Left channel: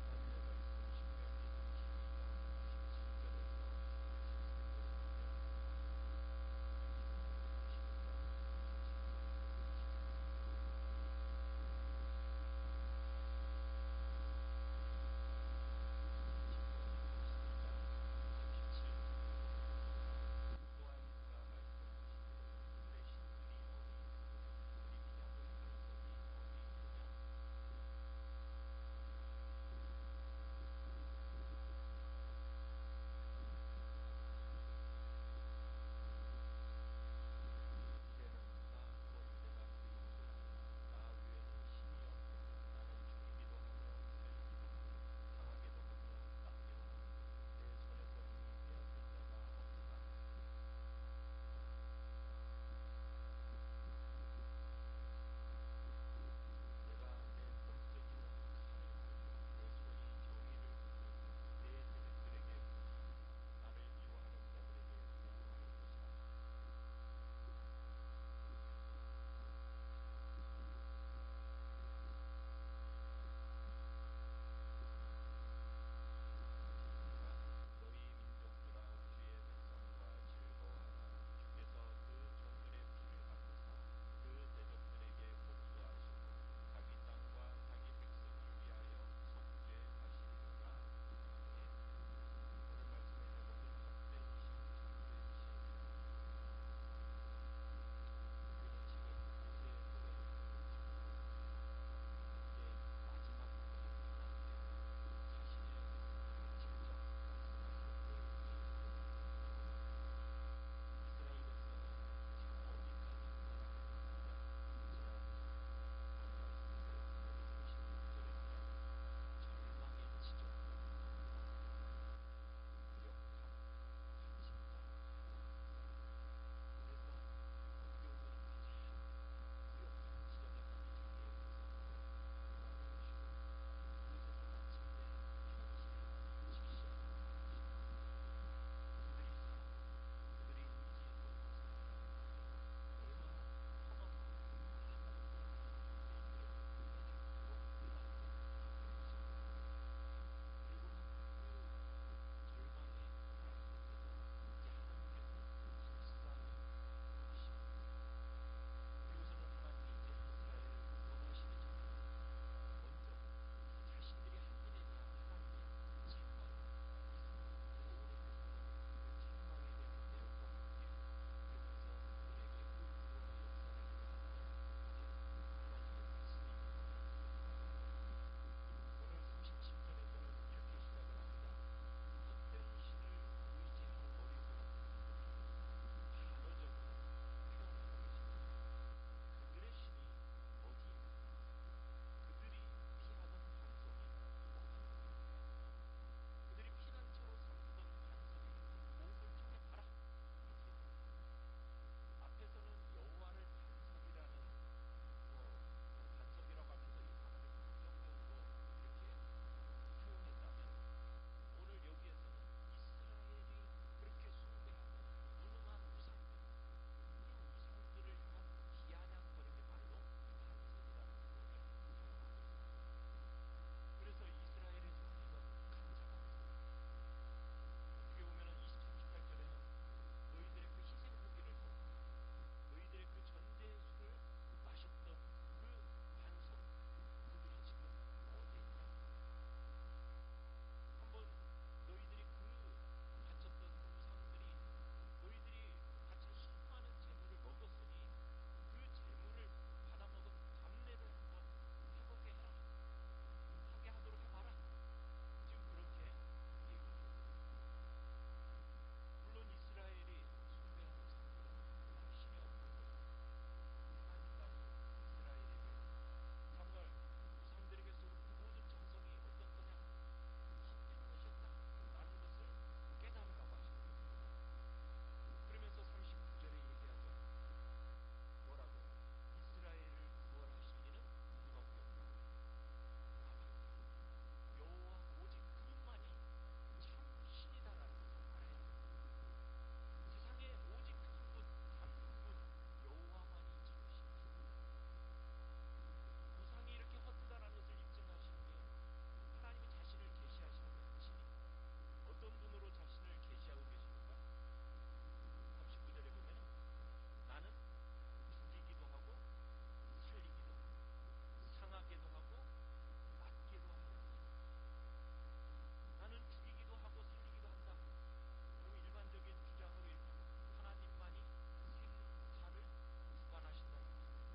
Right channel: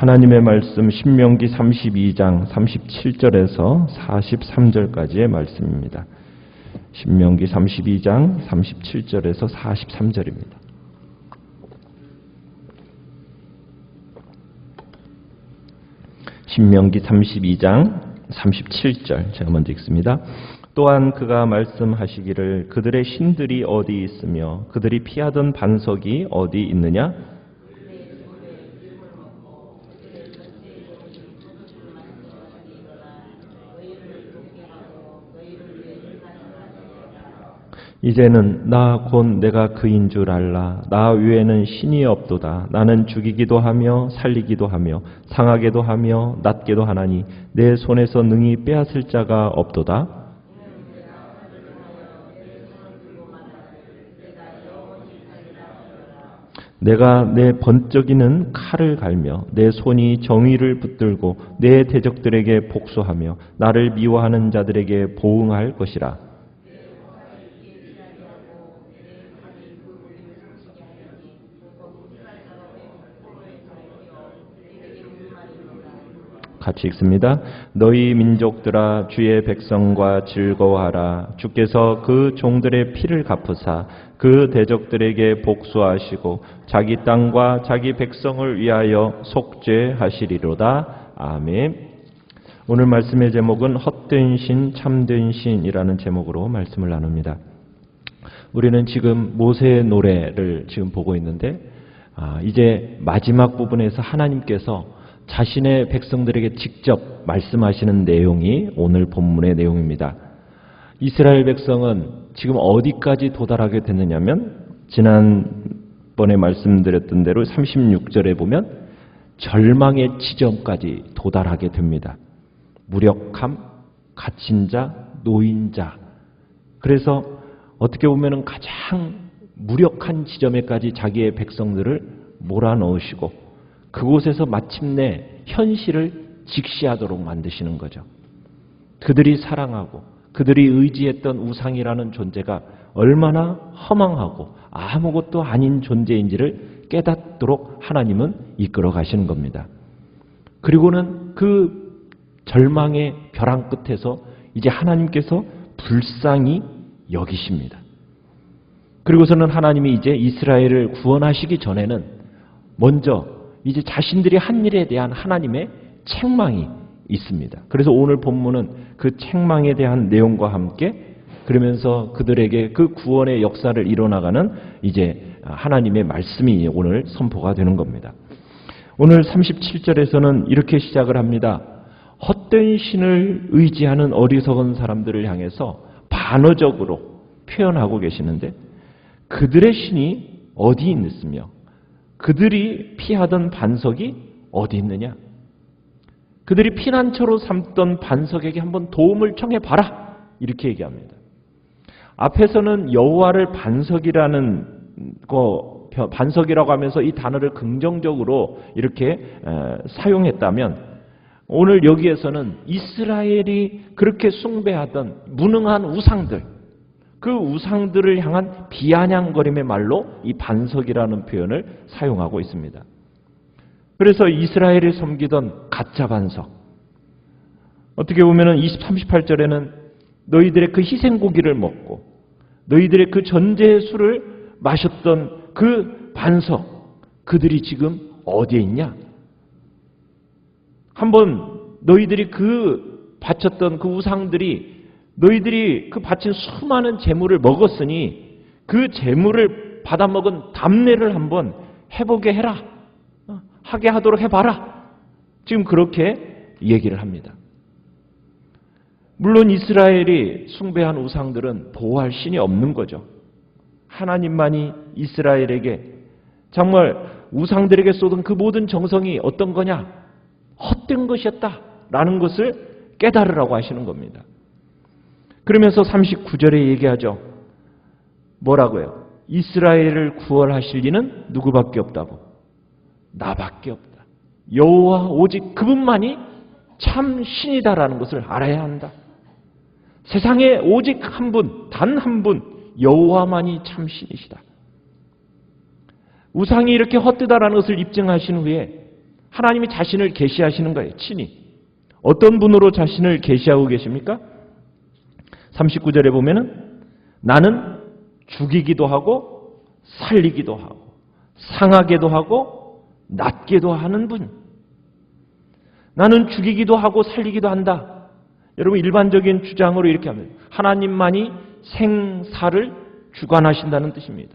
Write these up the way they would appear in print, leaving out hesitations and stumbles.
하나님의 말씀 신명기 32장 37절에서 43절까지의 말씀입니다. 신명기 32장 37절에서 43절입니다. 신명기 32장 37절 제가 먼저 읽습니다. 또한 그가 말씀하시기를 그들의 신들이 어디 있으며 그들이 피하던 반석이 어디 있느냐? 이제는 나 곧 내가 그인 줄 알라. 나 외에는 신이 없도다. 나는 죽이기도 하며 살리기도 하며 상하게도 하며 낫게도 하나니 내 손에서 능히 빼앗을 자가 없도다. 내가 내 번쩍이는 칼을 갈며 내 손이 정의를 붙들고 내 대적들에게 복수하며 나를 미워하는 자들에게 보응할 것이라. 같이 읽습니다. 너희 민족들아 주의 백성과 즐거워하라. 주께서 그 종들의 피를 갚으사 그 대적들에게 복수하시고 자기 땅과 자기 백성을 위하여 속죄하시리로다. 아멘. 오늘 말씀의 제목은 헛된 신 참된 신이라는 제목으로 말씀을 나눕니다. 우리는 지금 모세의 노래를 지금 보고 있는데 이제 마지막 부분에서 하나님께서 자신의 백성들에게 직접 말씀하시는 내용이 오늘 본문의 내용입니다. 이스라엘 백성은 지금 어디까지 도달하게 됐느냐면 지난번에 말씀드렸던 대로 36절에 보면 절망의 지점까지 도달하게 됩니다. 무력함, 갇힌 자, 노인자. 그래서 어떻게 보면 가장 무력한 지점에까지 자기의 백성들을 몰아넣으시고 그곳에서 마침내 현실을 직시하도록 만드시는 거죠. 그들이 사랑하고 그들이 의지했던 우상이라는 존재가 얼마나 허망하고 아무것도 아닌 존재인지를 깨닫도록 하나님은 이끌어 가시는 겁니다. 그리고는 그 절망의 벼랑 끝에서 이제 하나님께서 불쌍히 여기십니다. 그리고서는 하나님이 이제 이스라엘을 구원하시기 전에는 먼저 이제 자신들이 한 일에 대한 하나님의 책망이 있습니다. 그래서 오늘 본문은 그 책망에 대한 내용과 함께 그러면서 그들에게 그 구원의 역사를 이뤄나가는 이제 하나님의 말씀이 오늘 선포가 되는 겁니다. 오늘 37절에서는 이렇게 시작을 합니다. 헛된 신을 의지하는 어리석은 사람들을 향해서 반어적으로 표현하고 계시는데 그들의 신이 어디 있으며 그들이 피하던 반석이 어디 있느냐? 그들이 피난처로 삼던 반석에게 한번 도움을 청해봐라. 이렇게 얘기합니다. 앞에서는 여호와를 반석이라고 하면서 이 단어를 긍정적으로 이렇게 사용했다면 오늘 여기에서는 이스라엘이 그렇게 숭배하던 무능한 우상들, 그 우상들을 향한 비아냥거림의 말로 이 반석이라는 표현을 사용하고 있습니다. 그래서 이스라엘이 섬기던 가짜 반석, 어떻게 보면 38절에는 너희들의 그 희생고기를 먹고 너희들의 그 전제의 술을 마셨던 그 반석, 그들이 지금 어디에 있냐? 한번 너희들이 그 바쳤던 그 우상들이 너희들이 그 바친 수많은 재물을 먹었으니 그 재물을 받아먹은 담례를 한번 해보게 해라. 하게 하도록 해봐라. 지금 그렇게 얘기를 합니다. 물론 이스라엘이 숭배한 우상들은 보호할 신이 없는 거죠. 하나님만이 이스라엘에게 정말 우상들에게 쏟은 그 모든 정성이 어떤 거냐? 헛된 것이었다라는 것을 깨달으라고 하시는 겁니다. 그러면서 39절에 얘기하죠. 뭐라고요? 이스라엘을 구원하실 이는 누구밖에 없다고? 나밖에 없다. 여호와 오직 그분만이 참 신이다라는 것을 알아야 한다. 세상에 오직 한 분, 단 한 분, 여호와만이 참 신이시다. 우상이 이렇게 헛되다라는 것을 입증하신 후에 하나님이 자신을 계시하시는 거예요. 친히. 어떤 분으로 자신을 계시하고 계십니까? 39절에 보면은 나는 죽이기도 하고 살리기도 하고 상하게도 하고 낫게도 하는 분. 나는 죽이기도 하고 살리기도 한다. 여러분 일반적인 주장으로 이렇게 합니다. 하나님만이 생사를 주관하신다는 뜻입니다.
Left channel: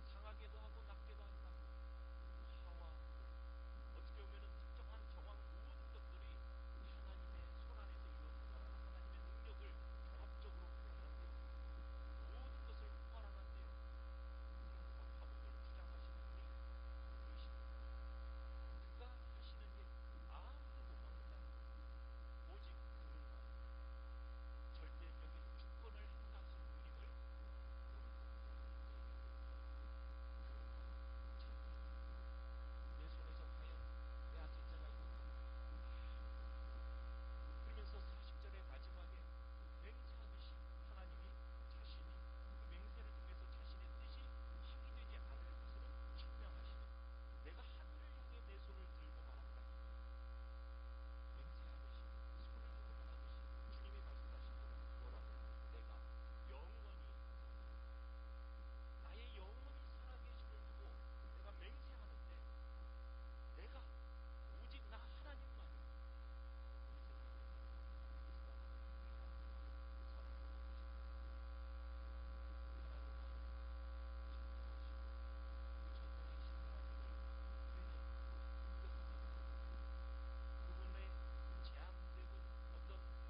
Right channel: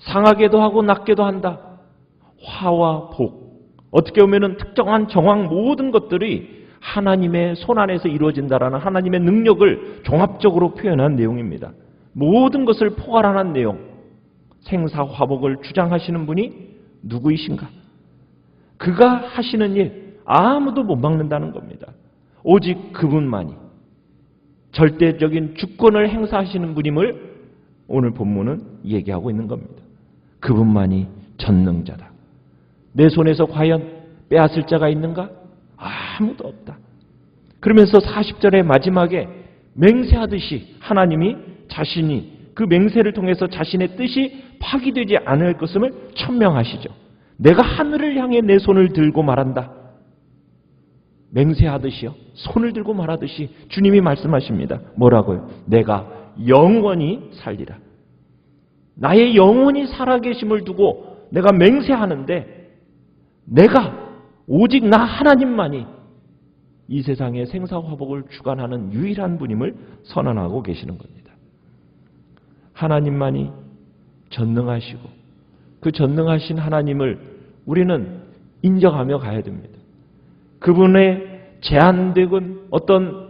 상하게도 하고 낫게도 한다. 화와 복. 어떻게 보면 특정한 정황 모든 것들이 하나님의 손안에서 이루어진다라는 하나님의 능력을 종합적으로 표현한 내용입니다. 모든 것을 포괄하는 내용. 생사화복을 주장하시는 분이 누구이신가? 그가 하시는 일 아무도 못 막는다는 겁니다. 오직 그분만이 절대적인 주권을 행사하시는 분임을 오늘 본문은 얘기하고 있는 겁니다. 그분만이 전능자다. 내 손에서 과연 빼앗을 자가 있는가? 아무도 없다. 그러면서 40절의 마지막에 맹세하듯이 하나님이 자신이 그 맹세를 통해서 자신의 뜻이 파기되지 않을 것임을 천명하시죠. 내가 하늘을 향해 내 손을 들고 말한다. 맹세하듯이요. 손을 들고 말하듯이 주님이 말씀하십니다. 뭐라고요? 내가 영원히 살리라. 나의 영원히 살아계심을 두고 내가 맹세하는데 내가 오직 나 하나님만이 이 세상의 생사화복을 주관하는 유일한 분임을 선언하고 계시는 겁니다. 하나님만이 전능하시고 그 전능하신 하나님을 우리는 인정하며 가야 됩니다. 그분의 제한된 어떤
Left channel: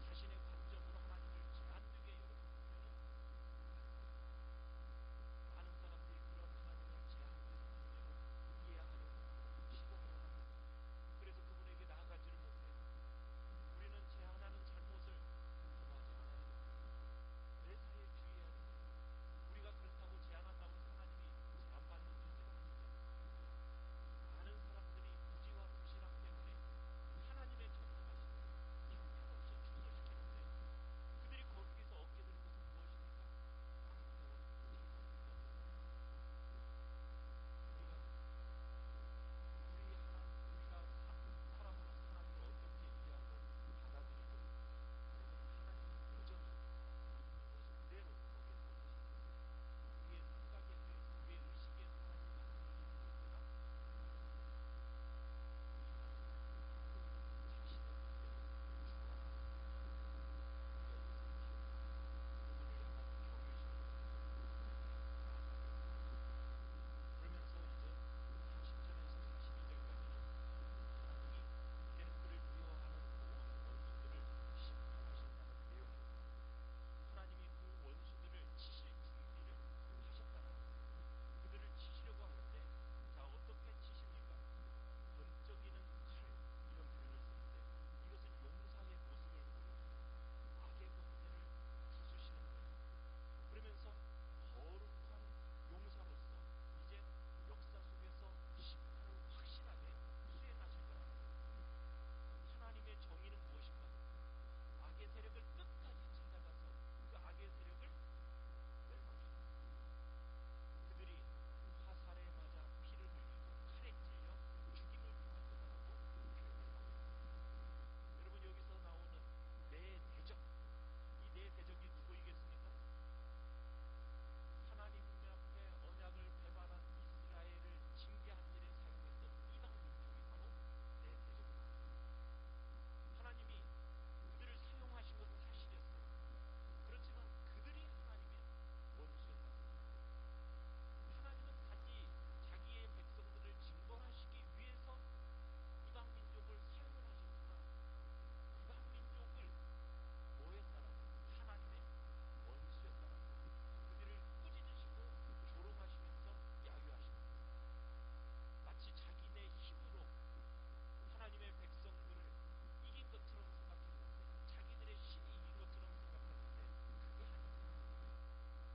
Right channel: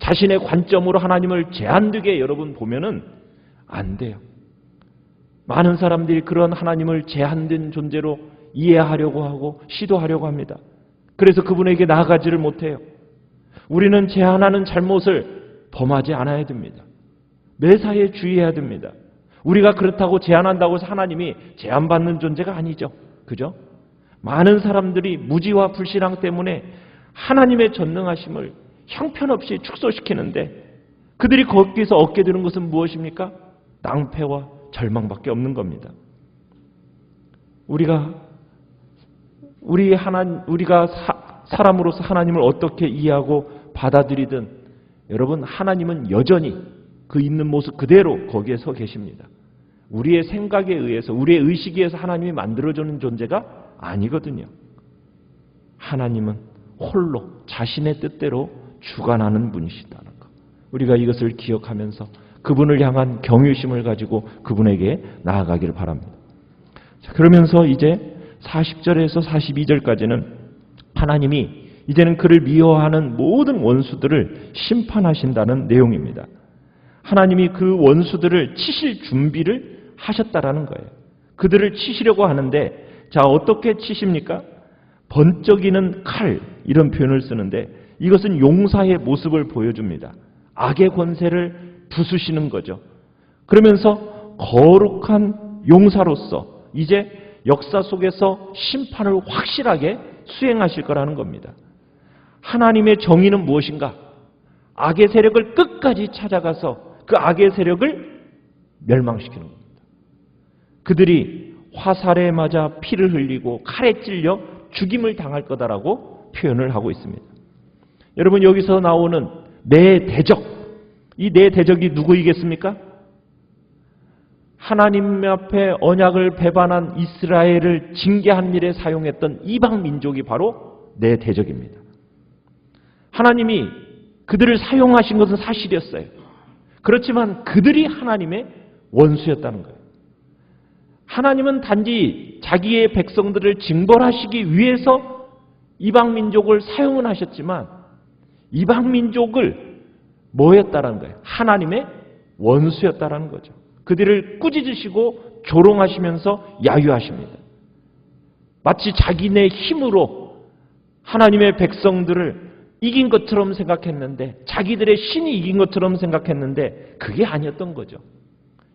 자신의 관점으로 하나님을 제한되게 여러분 보면은 안 돼요. 많은 사람들이 그런 하나님을 제한된 존재로 이해하려고 하고 시도하려고 합니다. 그래서 그분에게 나아가지를 못해요. 우리는 제한하는 잘못을 범하지 않아야 됩니다. 매사에 주의해야 됩니다. 우리가 그렇다고 제한한다고 해서 하나님이 제한받는 존재가 아니죠. 그죠? 많은 사람들이 무지와 불신앙 때문에 하나님의 전능하심을 형편없이 축소시키는데 그들이 거기서 얻게 되는 것은 무엇입니까? 낭패와 절망밖에 없는 겁니다. 우리가 사람으로서 하나님을 어떻게 이해하고 받아들이든 여러분 하나님은 여전히 그 있는 모습 그대로 거기에 서 계십니다. 우리의 생각에 의해서 우리의 의식에 의해서 하나님이 만들어주는 존재가 아니거든요. 하나님은 홀로 자신의 뜻대로 주관하는 분이시다는 것. 우리가 이것을 기억하면서 그분을 향한 경외심을 가지고 그분에게 나아가기를 바랍니다. 자, 그러면서 이제 40절에서 42절까지는 하나님이 이제는 그를 미워하는 모든 원수들을 심판하신다는 내용입니다. 하나님이 그 원수들을 치실 준비를 하셨다라는 거예요. 그들을 치시려고 하는데 자 어떻게 치십니까? 번쩍이는 칼 이런 표현을 쓰는데 이것은 용사의 모습을 보여줍니다. 악의 권세를 부수시는 거죠. 그러면서 거룩한 용사로서 이제 역사 속에서 심판을 확실하게 수행하실 거라는 겁니다. 하나님의 정의는 무엇인가? 악의 세력을 끝까지 찾아가서 그 악의 세력을 멸망시키는 겁니다. 그들이 화살에 맞아 피를 흘리고 칼에 찔려 죽임을 당할 거다라고 표현을 하고 있습니다. 여러분 여기서 나오는 내 대적, 이 내 대적이 누구이겠습니까? 하나님 앞에 언약을 배반한 이스라엘을 징계한 일에 사용했던 이방 민족이 바로 내 대적입니다. 하나님이 그들을 사용하신 것은 사실이었어요. 그렇지만 그들이 하나님의 원수였다는 거예요. 하나님은 단지 자기의 백성들을 징벌하시기 위해서 이방 민족을 사용은 하셨지만 이방 민족을 뭐였다라는 거예요? 하나님의 원수였다라는 거죠. 그들을 꾸짖으시고 조롱하시면서 야유하십니다. 마치 자기네 힘으로 하나님의 백성들을 이긴 것처럼 생각했는데 자기들의 신이 이긴 것처럼 생각했는데 그게 아니었던 거죠.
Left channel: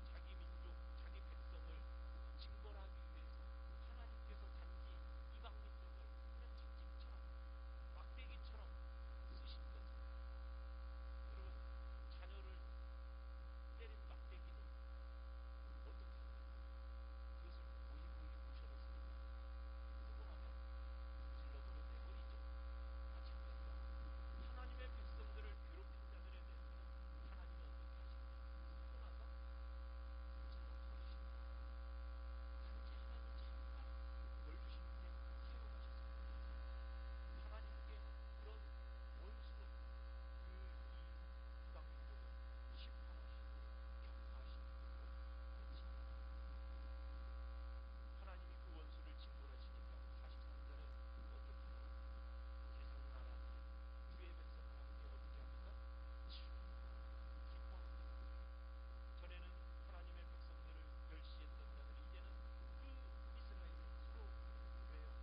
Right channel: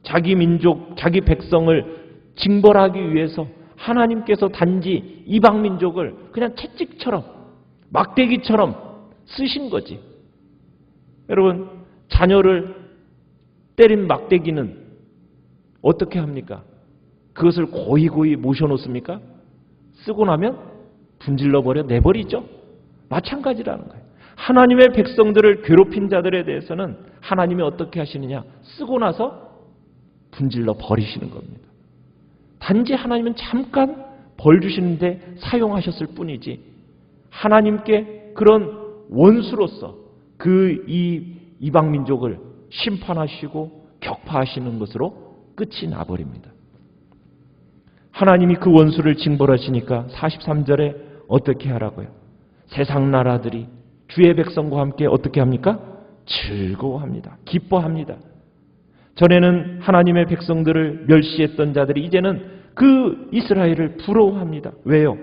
자기 민족, 자기 백성을 징벌하기 위해서 하나님께서 단지 이방 민족을 그냥 채찍처럼 막대기처럼 쓰신 거지. 여러분 자녀를 때린 막대기는 어떻게 합니까? 그것을 고이고이 모셔놓습니까? 쓰고 나면 분질러 버려 내버리죠. 마찬가지라는 거예요. 하나님의 백성들을 괴롭힌 자들에 대해서는 하나님이 어떻게 하시느냐? 쓰고 나서 분질러 버리시는 겁니다. 단지 하나님은 잠깐 벌 주시는데 사용하셨을 뿐이지 하나님께 그런 원수로서 그 이방 민족을 심판하시고 격파하시는 것으로 끝이 나버립니다. 하나님이 그 원수를 징벌하시니까 43절에 어떻게 하라고요? 세상 나라들이 주의 백성과 함께 어떻게 합니까? 즐거워합니다. 기뻐합니다. 전에는 하나님의 백성들을 멸시했던 자들이 이제는 그 이스라엘을 부러워합니다. 왜요?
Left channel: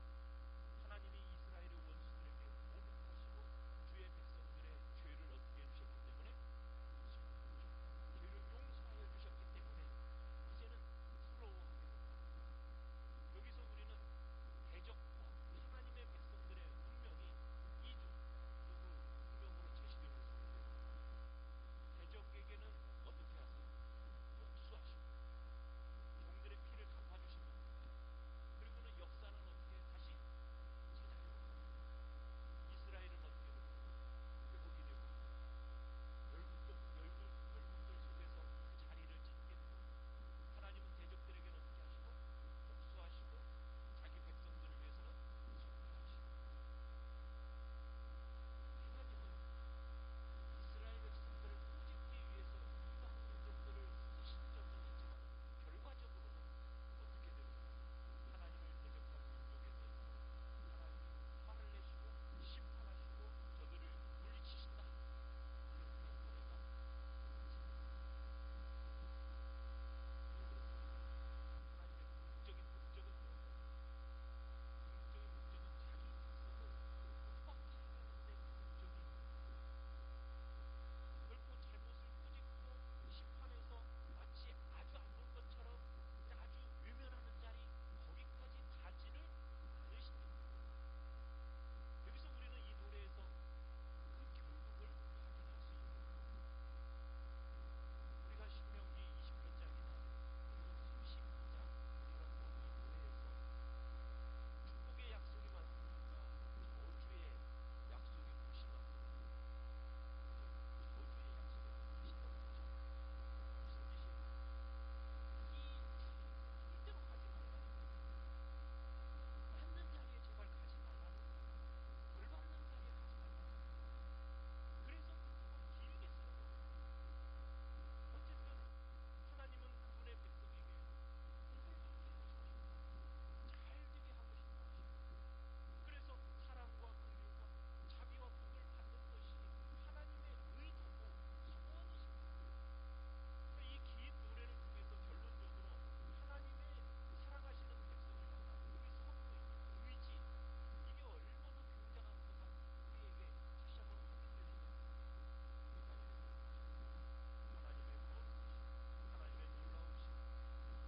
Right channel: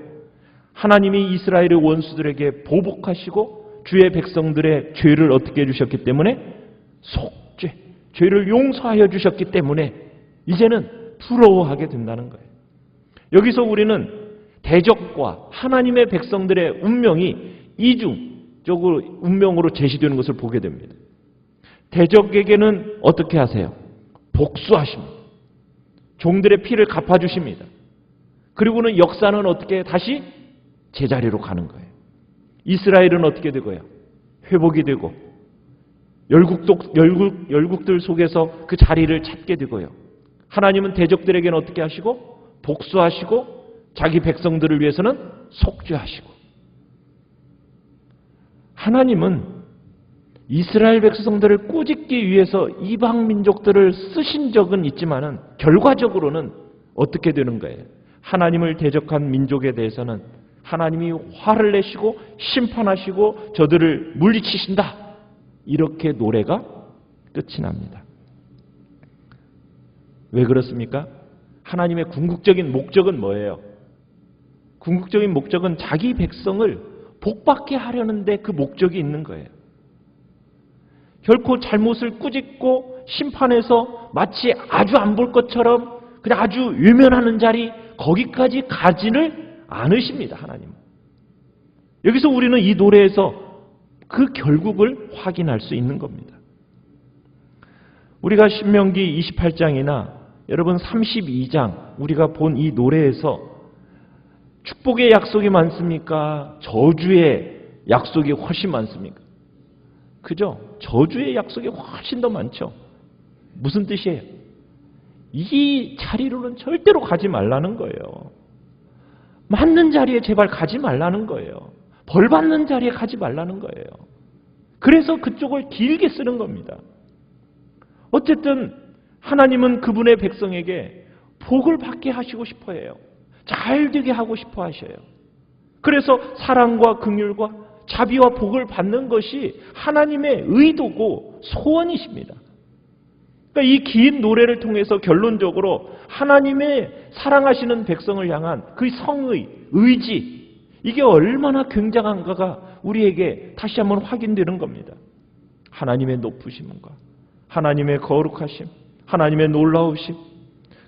하나님이 이스라엘의 원수들에게 보복하시고 주의 백성들의 죄를 어떻게 해주셨기 때문에 속죄, 죄를 용서하여 주셨기 때문에 이제는 부러워하게 된다는 거예요. 여기서 우리는 대적과 하나님의 백성들의 운명이 이중적으로 운명으로 제시되는 것을 보게 됩니다. 대적에게는 어떻게 하세요? 복수하십니다. 종들의 피를 갚아주십니다. 그리고는 역사는 어떻게 다시 제자리로 가는 거예요. 이스라엘은 어떻게 되고요? 회복이 되고 열국들 속에서 그 자리를 찾게 되고요. 하나님은 대적들에게는 어떻게 하시고 복수하시고 자기 백성들을 위해서는 속죄하시고 하나님은 이스라엘 백성들을 꾸짖기 위해서 이방 민족들을 쓰신 적은 있지만은 결과적으로는 어떻게 되는 거예요? 하나님을 대적한 민족에 대해서는 하나님이 화를 내시고 심판하시고 저들을 물리치신다. 이렇게 노래가 끝이 납니다. 왜 그렇습니까? 하나님의 궁극적인 목적은 뭐예요? 궁극적인 목적은 자기 백성을 복받게 하려는데 그 목적이 있는 거예요. 결코 잘못을 꾸짖고 심판해서 마치 아주 안 볼 것처럼 그냥 아주 외면하는 자리 거기까지 가지를 않으십니다. 하나님은. 여기서 우리는 이 노래에서 그 결국을 확인할 수 있는 겁니다. 우리가 신명기 28장이나 여러분 32장 우리가 본 이 노래에서 축복의 약속이 많습니까? 저주의 약속이 훨씬 많습니까? 그죠? 저주의 약속이 훨씬 더 많죠. 무슨 뜻이에요? 이 자리로는 절대로 가지 말라는 거예요. 맞는 자리에 제발 가지 말라는 거예요. 벌 받는 자리에 가지 말라는 거예요. 그래서 그쪽을 길게 쓰는 겁니다. 어쨌든 하나님은 그분의 백성에게 복을 받게 하시고 싶어 해요. 잘 되게 하고 싶어 하셔요. 그래서 사랑과 긍휼과 자비와 복을 받는 것이 하나님의 의도고 소원이십니다. 그러니까 이 긴 노래를 통해서 결론적으로 하나님의 사랑하시는 백성을 향한 그 성의, 의지 이게 얼마나 굉장한가가 우리에게 다시 한번 확인되는 겁니다. 하나님의 높으심과 하나님의 거룩하심, 하나님의 놀라우심,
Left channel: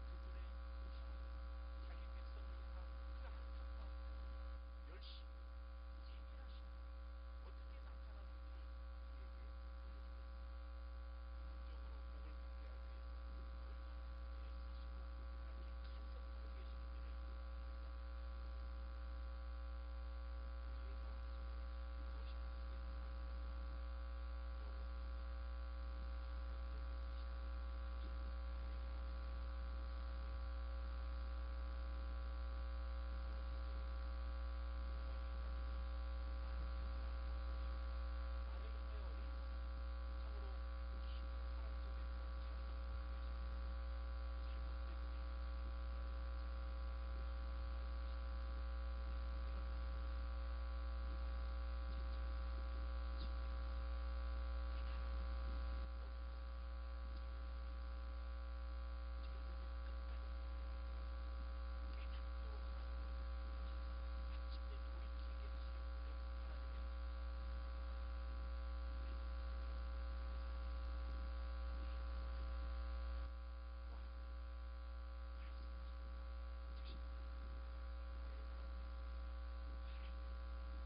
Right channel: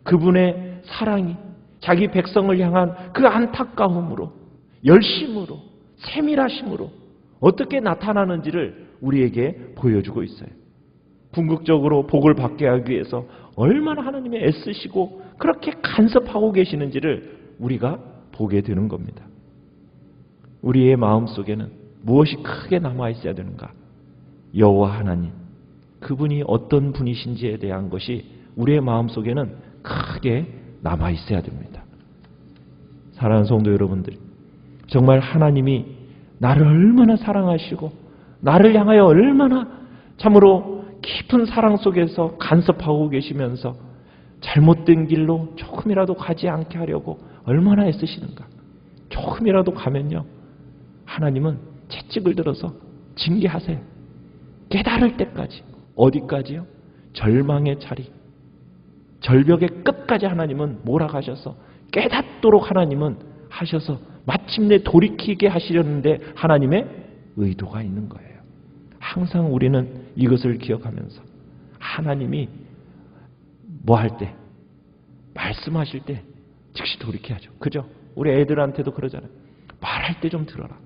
그분의 사랑이 자기 백성을 향한 그 안타까움으로, 열심으로, 세밀하심으로 어떻게 나타나는지를 우리에게 보여주고 있어요. 궁극적으로 복을 받게 하기 위해서 얼마나 하나님이 애쓰시고 그렇게 간섭하고 계시는지를 우리가 보게 되는 겁니다. 우리의 마음속에는 무엇이 크게 남아있어야 되는가? 여호와 하나님, 그분이 어떤 분이신지에 대한 것이 우리의 마음속에는 크게 남아있어야 됩니다. 사랑하는 성도 여러분들, 정말 하나님이 나를 얼마나 사랑하시고 나를 향하여 얼마나 참으로 깊은 사랑 속에서 간섭하고 계시면서 잘못된 길로 조금이라도 가지 않게 하려고 얼마나 애쓰시는가. 조금이라도 가면요, 하나님은 채찍을 들어서 징계하세요. 깨달을 때까지. 어디까지요? 절망의 자리, 절벽의 끝까지 하나님은 몰아가셔서 깨닫도록 하나님은 하셔서 마침내 돌이키게 하시려는데 하나님의 의도가 있는 거예요. 항상 우리는 이것을 기억하면서 하나님이 뭐 할 때, 말씀하실 때 즉시 돌이켜야죠. 그죠? 우리 애들한테도 그러잖아요. 말할 때 좀 들어라.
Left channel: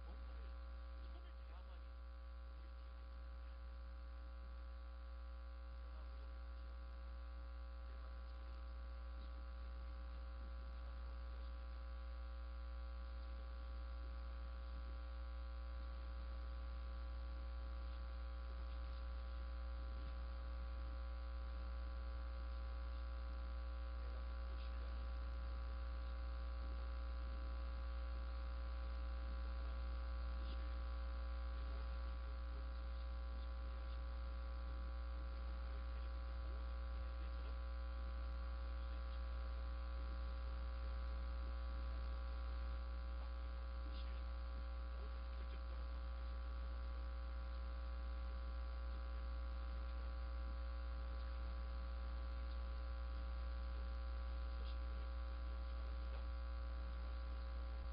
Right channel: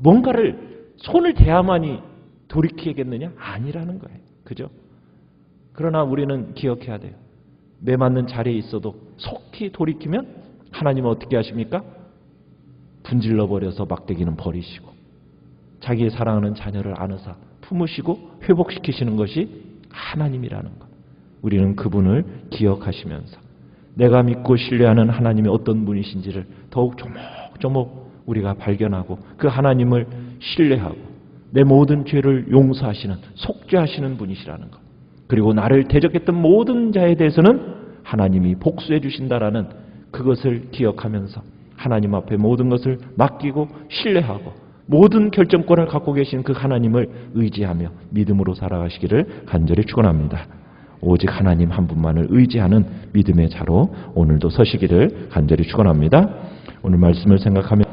뭔가를 손을 대야만이 돌이키겠느냐? 아니라는 거예요. 그죠? 그러나 우리는 기억해야 돼요. 매 맞는 자리에 있어도 속히 돌이키면 하나님은 어떻게 하십니까? 분질러 버려서 막대기는 버리시고 자기의 사랑하는 자녀를 안으사 품으시고 회복시키시는 것이 하나님이라는 것. 우리는 그분을 기억하시면서 내가 믿고 신뢰하는 하나님이 어떤 분이신지를 더욱 조목조목 우리가 발견하고 그 하나님을 신뢰하고 내 모든 죄를 용서하시는 속죄하시는 분이시라는 것. 그리고 나를 대적했던 모든 자에 대해서는 하나님이 복수해 주신다라는 그것을 기억하면서 하나님 앞에 모든 것을 맡기고 신뢰하고 모든 결정권을 갖고 계신 그 하나님을 의지하며 믿음으로 살아가시기를 간절히 축원합니다. 오직 하나님 한 분만을 의지하는 믿음의 자로 오늘도 서시기를 간절히 축원합니다. 오늘 말씀을 생각하며